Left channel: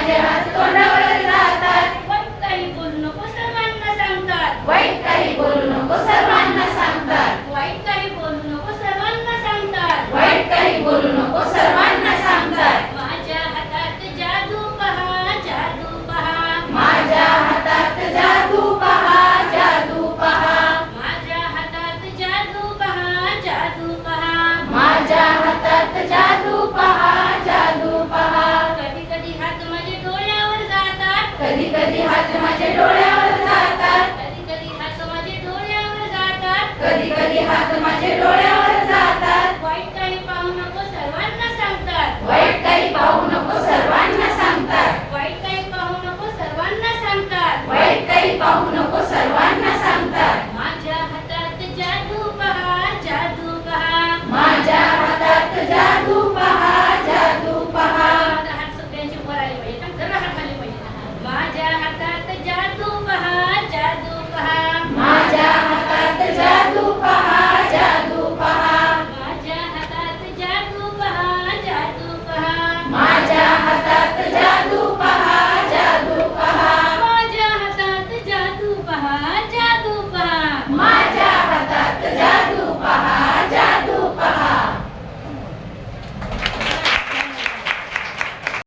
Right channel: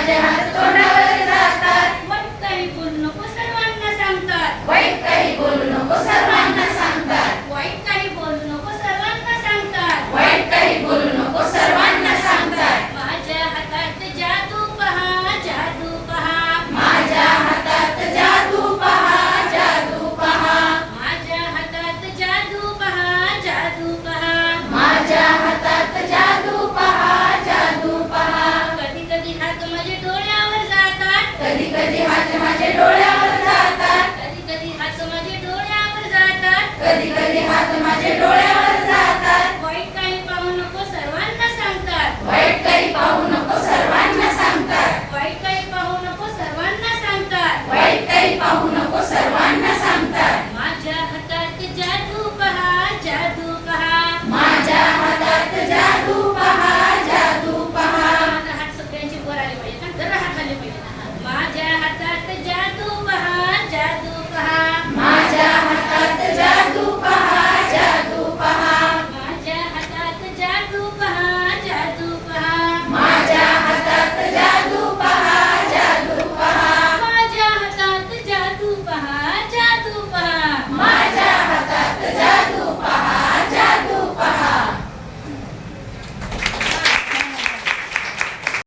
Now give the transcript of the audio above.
माझे हात तोंडावर जातात. वाईट काही बोलू नको सर्वांना सांगतात. वाईट काही बोलू नको सर्वांना सांगतात. वाईट काही बोलू नको सर्वांना सांगतात. वाईट काही बोलू नको सर्वांना सांगतात. माझ्या हातात जादू पहा, जादू पहा. माझ्या हातात जादू पहा, जादू पहा. माझ्या हातात जादू पहा, जादू पहा. माझ्या हातात जादू पहा, जादू पहा. कधी कधी हात माझे डोळ्यावर जातात. कधी कधी हात माझ्या डोळ्यावर जातात. कधी कधी हात माझे डोळ्यावर जातात. कधी कधी हात